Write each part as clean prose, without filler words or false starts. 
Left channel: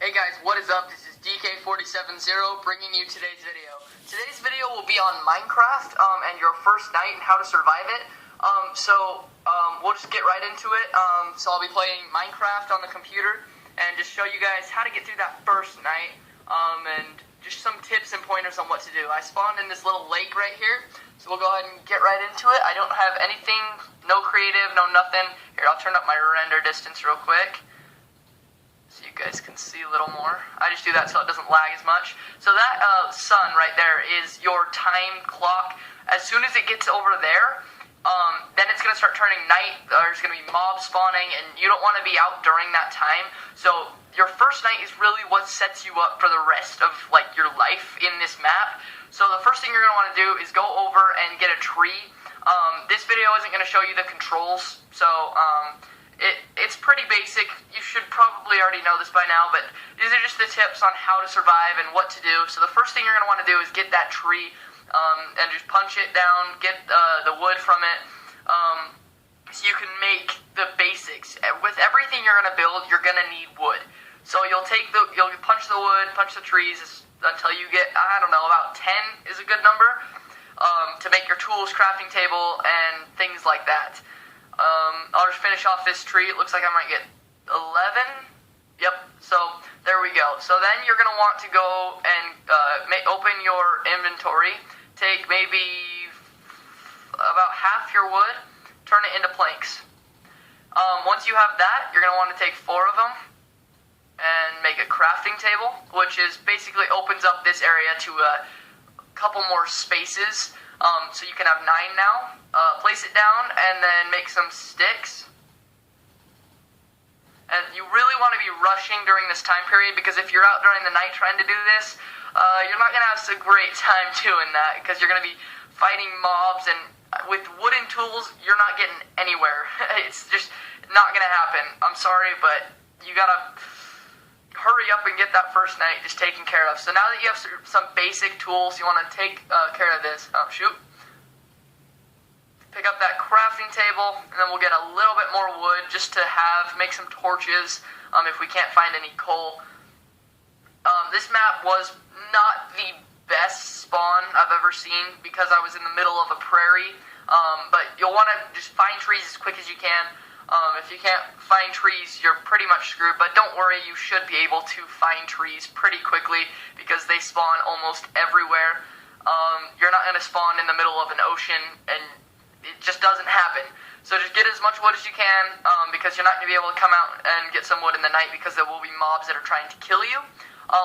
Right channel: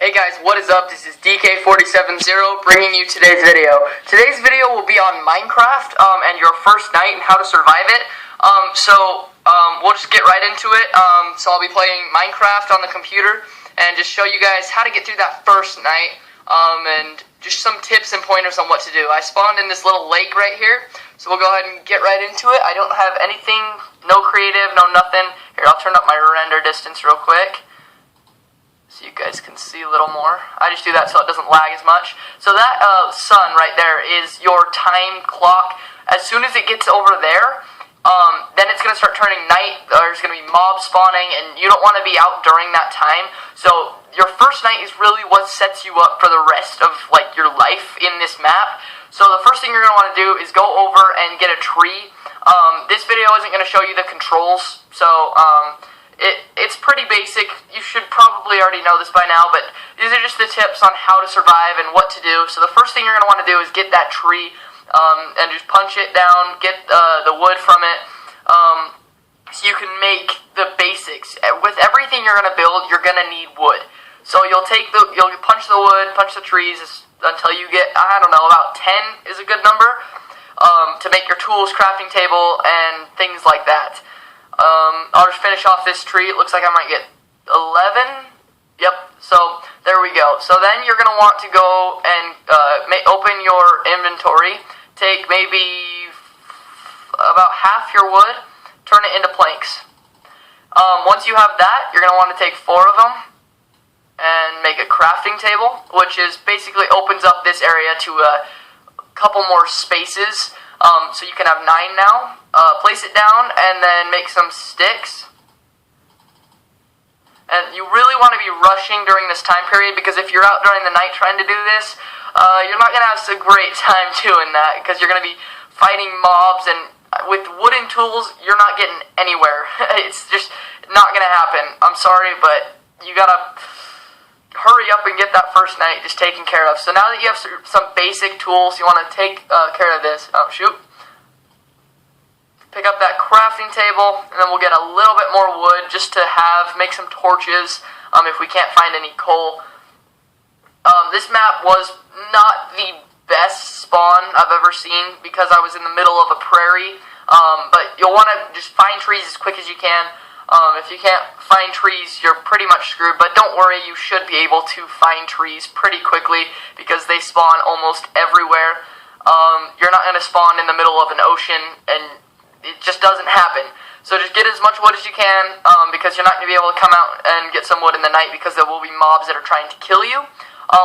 Hey guys, what is up? This is DK470 bringing you today's video. Today's video will be on Minecraft and your first night and how to survive it. We'll just get right into it. So I'll be playing Minecraft on the computer and just show you guys how to get through that first night and just some tips and pointers on what to do. I spawned in this little lake right here, so we'll go ahead and get right into it. I don't have anything, no creative, no nothing. Here, I'll turn up my render distance real quick, so you guys can see a little more. I just do that so it doesn't lag as much. So that sun right there is your time clock. As soon as it gets over there, then it's going to start turning night. There's going to be mobs spawning, and you don't want to be out during that time. So your first night is really what sets you up for the rest of your life in this map. So the first thing you're going to want to do is go over and get a tree. This video isn't going to show you the controls, so it's pretty basic. You should probably already know this by now, but these are just the tips on how to survive and what to do. So the first thing you're going to want to do is get that tree and just punch it down, get the wood from it, so you can make the basics. With everything you're going to build, you're going to need wood. So you'll punch the wood, punch the trees until you get, I don't know, about 10 is a good number to make your tools, crafting table, and things like that. I'll just finish off this tree. It looks like I might get 11. Yep, so there we go. So then you're going to want to go and open your inventory. Take maybe about half your wood, turn it into planks. Once you have that, you're going to want to take 4 of them and make a crafting table, which is basically opens up this area to a couple more spaces. So you can have 9 now. Place it down and then make some sticks. And you really want to be rushing during this time period, because if you're out during the night trying to do this, you're not going to have a great time doing that, because you're going to be fighting mobs, and with wooden tools, you're not getting anywhere. It's just not going to happen. I'm sorry, but you got to hurry up and get that first night just taken care of. So now that you have some basic tools, you want to take care of this. Oh, shoot. Pick up that crafting table, and then we'll get a little bit more wood just to make some torches if we can't find any coal. This map was not the best spawn I've ever seen because I was in the middle of a prairie, but you'll want to just find trees as quick as you can. If you can't find trees, you're pretty much screwed, but don't worry, you should be able to find trees pretty quickly because they spawn almost everywhere. You're not going to spawn in the middle of an ocean, and it just doesn't happen. So just get as much wood as you can, because you're not going to be able to come out and get some wood in the night because there will be mobs that are trying to kill you.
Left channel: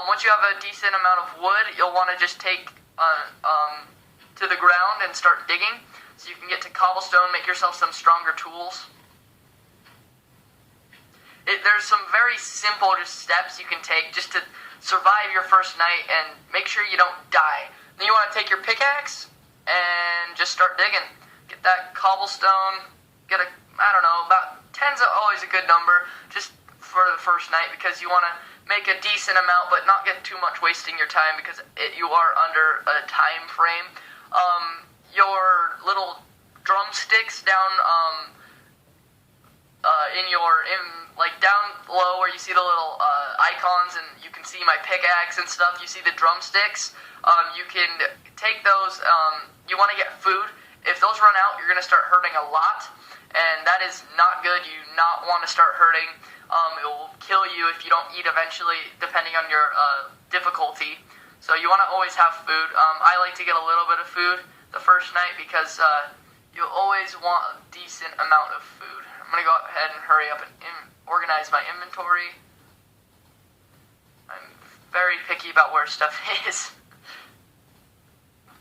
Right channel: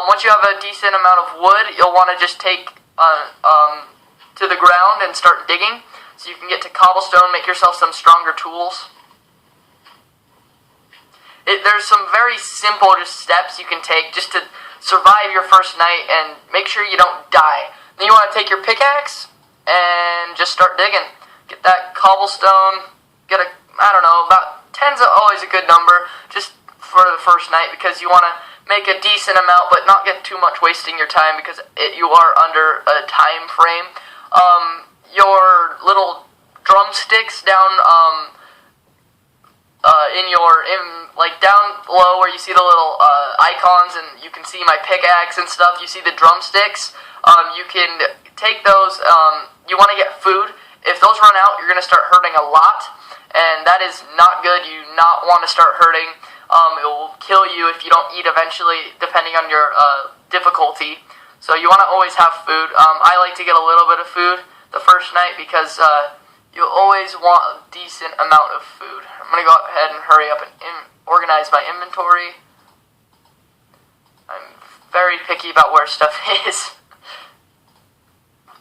Once you have a decent amount of wood, you'll want to just take to the ground and start digging so you can get to cobblestone, make yourself some stronger tools. There's some very simple steps you can take just to survive your first night and make sure you don't die. Then you want to take your pickaxe and just start digging. Get that cobblestone, about 10's always a good number, just for the first night, because you want to make a decent amount, but not get too much wasting your time, because you are under a time frame. Your little drumsticks down, down below where you see the little icons, and you can see my pickaxe and stuff, you see the drumsticks, you can take those, you want to get food. If those run out, you're going to start hurting a lot, and that is not good. You do not want to start hurting. It will kill you if you don't eat eventually, depending on your difficulty. So you want to always have food. I like to get a little bit of food the first night because you always want a decent amount of food. I'm going to go ahead and hurry up and organize my inventory. I'm very picky about where stuff is.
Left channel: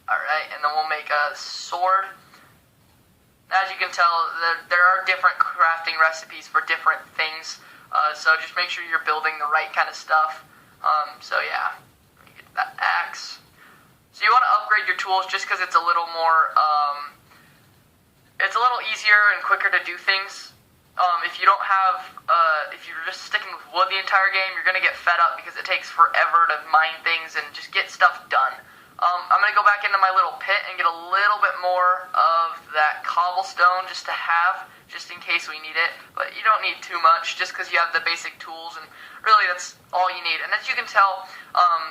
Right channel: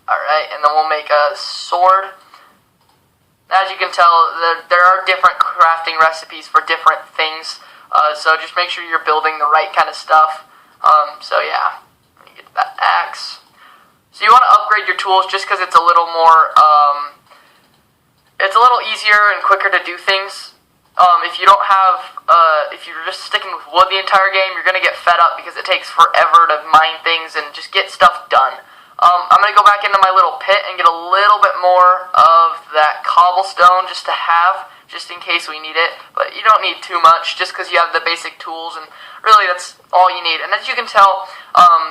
Alright, and then we'll make a sword. As you can tell, there are different crafting recipes for different things, so just make sure you're building the right kind of stuff. So yeah, let me get that axe. So you want to upgrade your tools just because it's a little more, it's a little easier and quicker to do things. If you don't have, if you're just sticking with wood the entire game, you're going to get fed up because it takes forever to mine things and just get stuff done. I'm going to go back into my little pit and get a little bit more of that cobblestone just to have, just in case we need it. But you don't need too much just because you have the basic tools, and really that's all you need. And as you can tell,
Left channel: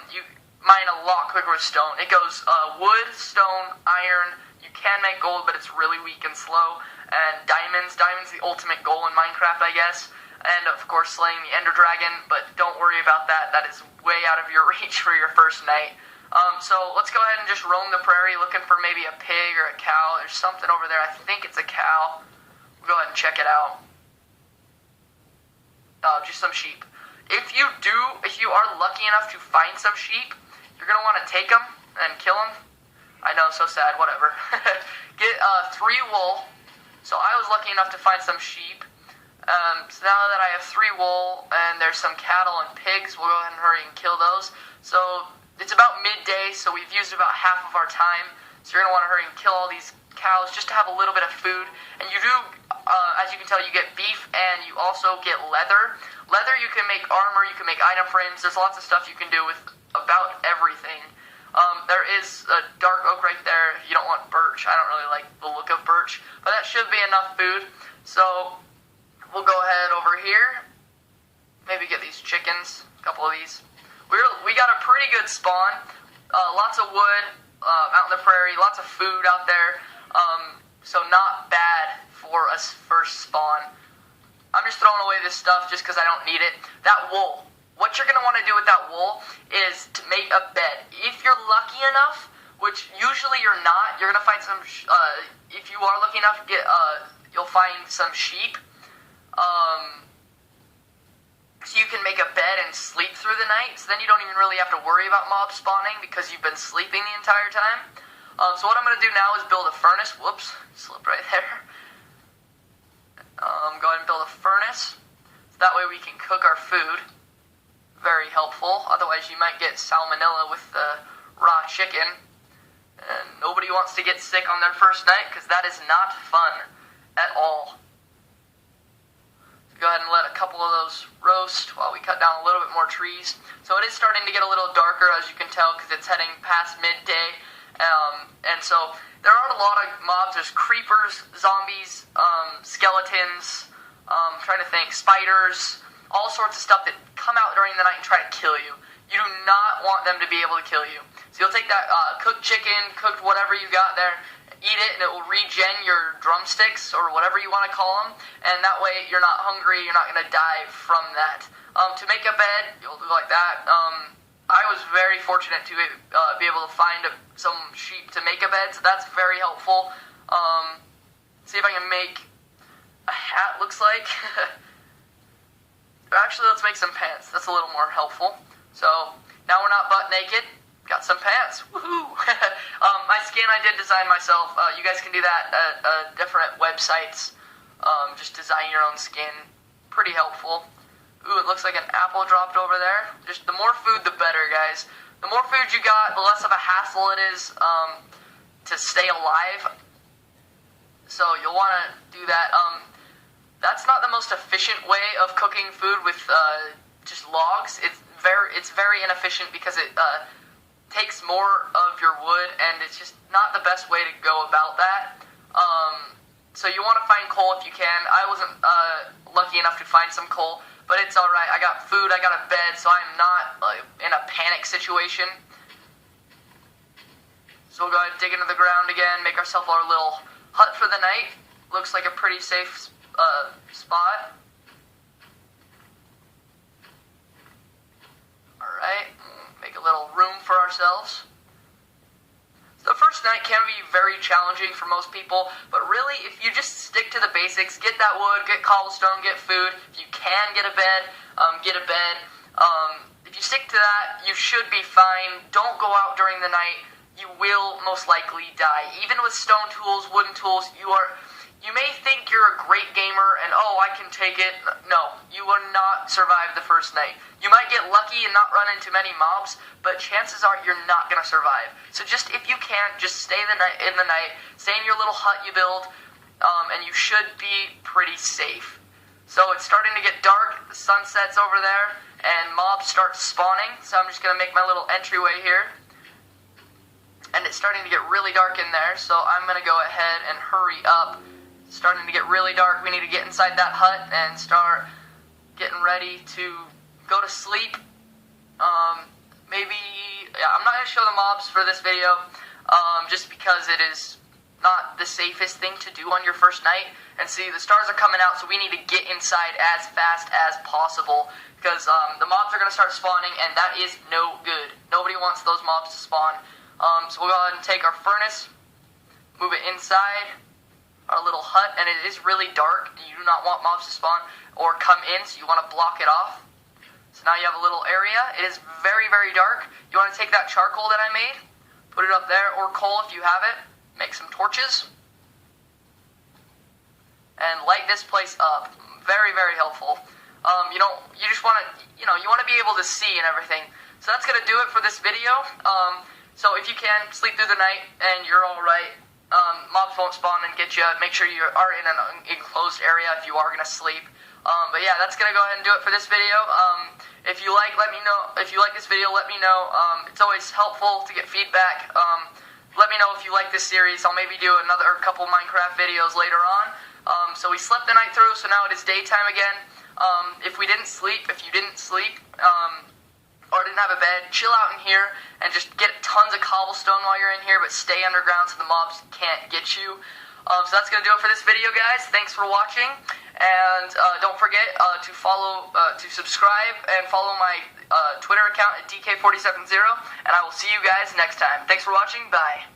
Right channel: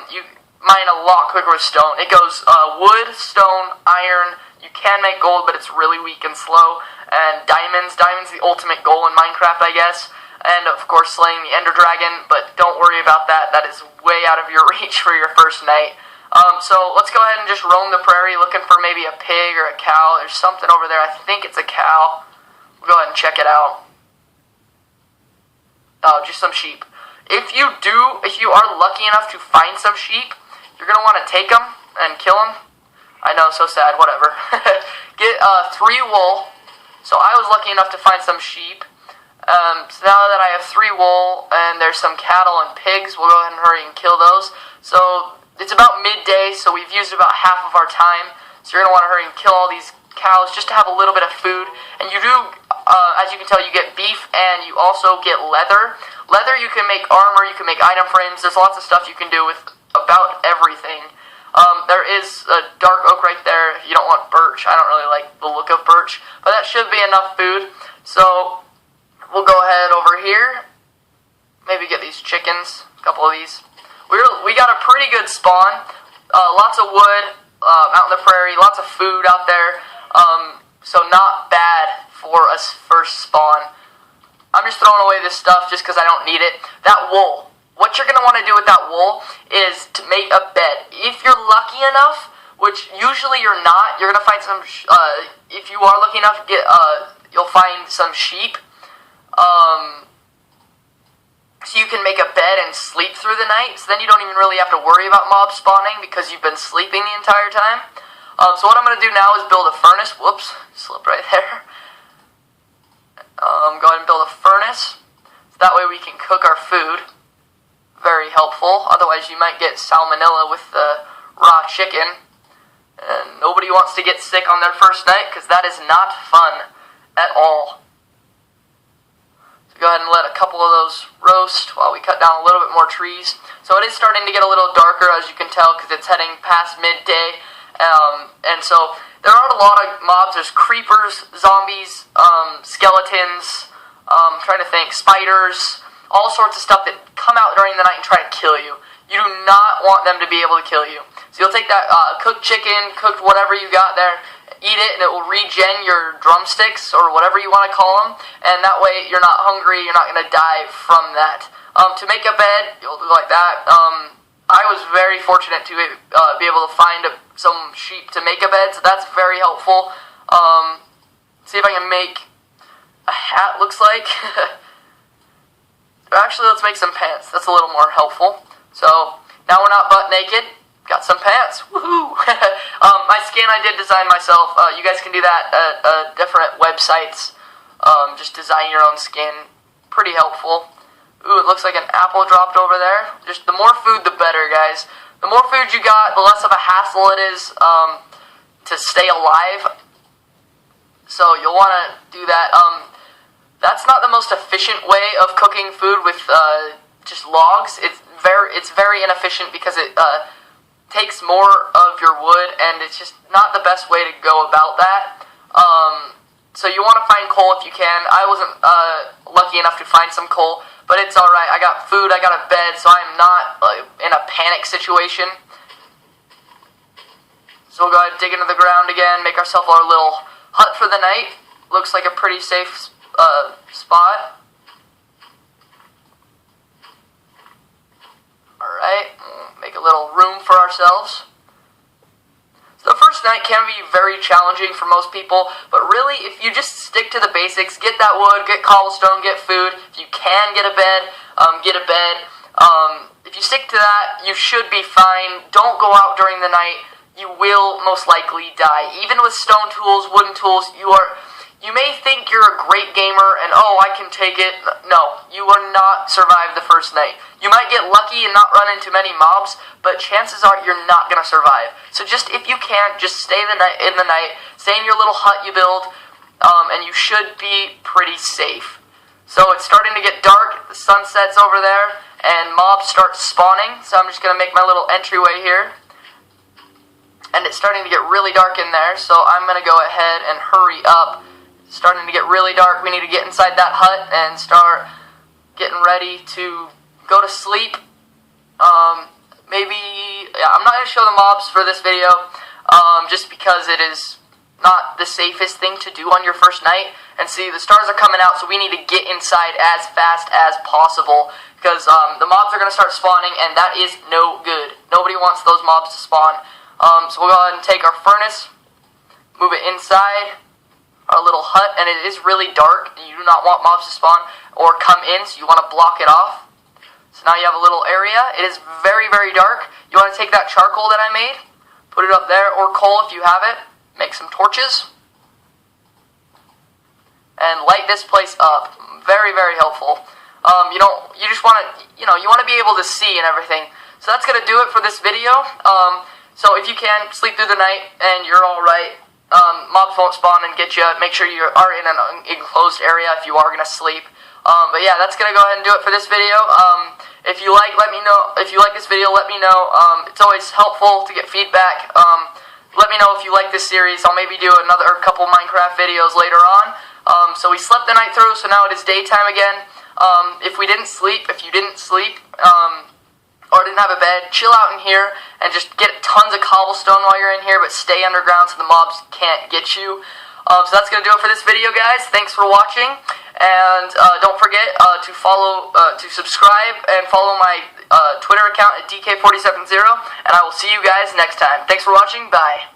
you mine a lot quicker with stone. It goes wood, stone, iron. You can make gold, but it's really weak and slow. And diamonds. Diamonds the ultimate goal in Minecraft, I guess. And of course slaying the Ender Dragon, but don't worry about that. That is way out of your reach for your first night. So let's go ahead and just roam the prairie looking for maybe a pig or a cow. There's something over there. I think it's a cow. We'll go ahead and check it out. Oh, just some sheep. If you are lucky enough to find some sheep, you're going to want to take them and kill them. I know, so sad, whatever. Get 3 wool. So I was lucky enough to find some sheep. So now that I have 3 wool and there's some cattle and pigs, we'll go ahead and hurry and kill those. So it's about midday, so we've used about half of our time. So you're going to want to hurry and kill all these cows just to have a little bit of food. And you do, as you can tell, you get beef and you also get leather. Leather, you can make armor, you can make item frames. There's lots of stuff you can do with about everything. There is a dark oak right there. You don't want birch. I don't really like the look of birch. But that should be enough food. So we'll go ahead over here. Maybe get these chickens, a couple of these. We got a pretty good spawn. Lots of wood out in the prairie, lots of food out there. So not bad for a first spawn. I'm just throwing away this stuff just because I don't need it. That wool. What you're going to want to do with that wool is to make a bed. If you're lucky enough, which usually you're not, you're going to find some, if you are lucky enough, you'll find some sheep. So you can make a bed and sleep through the night. So then you don't even really have to worry about mobs spawning because you've been sleeping the entire time. So what I'm going to do now is build a furnace. Whoops, slipped right there. Go ahead and build a furnace. So that way we can cook our food. Very helpful. Otherwise you might get salmonella with the raw chicken. And nobody wants to get sick on their first night because that is not fun at all. Go ahead and let a couple of those roast while we cut down a little bit more trees. So it is starting to get a little darker, as you can tell, because it's heading past midday. And so there are a lot of mobs. There's creepers, zombies, skeletons, trying to think, spiders, all sorts of stuff that come out during the night and try to kill you. You do not want them to be able to kill you. So you'll take that cooked chicken, cooked whatever you got there, eat it, and it will regen your drumsticks, or whatever you want to call them, and that way you're not hungry, you're not going to die from that. To make a bed, you'll do like that. I was very fortunate to be able to find some sheep to make a bed, so that's very helpful. See if I can make a hat, looks like. Actually, let's make some pants. That's a little more helpful. So, now we're not butt naked. Got some pants. Woohoo! My skin I did design myself. You guys can do that at different websites. Just design your own skin. Pretty helpful. Ooh, it looks like an apple dropped over there. Just the more food, the better, guys. The more food you got, the less of a hassle it is to stay alive. So you'll want to do that. That's not the most efficient way of cooking food with just logs. It's very inefficient because it takes more of your wood, and it's just not the best way to go about that. So you want to find coal if you can. I wasn't lucky enough to find some coal, but it's alright. I got food, I got a bed, so I'm not in a panic situation. So we'll go ahead and dig into the ground again, make ourselves our little hut for the night. Looks like a pretty safe spot. Alright, make a little room for ourselves. So the first night can be very challenging for most people, but really if you just stick to the basics, get that wood, get cobblestone, get food, if you can get a bed, get a bed. If you stick to that, you should be fine. Don't go out during the night. You will most likely die. Even with stone tools, wooden tools, you may think you're a great gamer and, oh, I can take it. No, you will not survive the first night. You might get lucky and not run into many mobs, but chances are you're not going to survive. So just, if you can, just stay in the night, stay in your little hut you build, and you should be pretty safe. So it's starting to get dark, the sun sets over there, and mobs start spawning. So I'm just going to make my little entryway here. and it's starting to get really dark in there, so I'm going to go ahead and hurry up. It's starting to get really dark. We need to get inside that hut and start getting ready to go to sleep. I'm not going to show the mobs for this video, just because it is not the safest thing to do on your first night. And see, the stars are coming out, so we need to get inside as fast as possible, because the mobs are going to start spawning, and that is no good. Nobody wants those mobs to spawn. So we'll go ahead and take our furnace, move it inside our little hut, and it is really dark. You do not want mobs to spawn or come in, so you want to block it off. So now you have a little area. It is very, very dark. You want to take that charcoal that I made, put it up there, or coal if you have it. Make some torches, and light this place up. Very, very helpful. You just want to, you want to be able to see and everything. So that's going to do it for this video. So if you can, sleep through the night and you're alright. Mobs won't spawn and get you. Make sure you are in an enclosed area if you are going to sleep. But yeah, that's going to go ahead and do it for this video. If you like, let me know. If you like this video, let me know. It's always helpful to get feedback. Let me know if you like this series. I'll maybe do a couple Minecraft videos later on. So we slept the night through, so now it is daytime again. If you didn't sleep, or didn't have a bed, chill out in here and just get tons of cobblestone while you're in here, but stay underground so the mobs can't get you. So that's going to do it for this video, guys. Thanks for watching, and don't forget to subscribe and follow my Twitter account at DK470, and I will see you guys next time. Thanks for watching. Bye.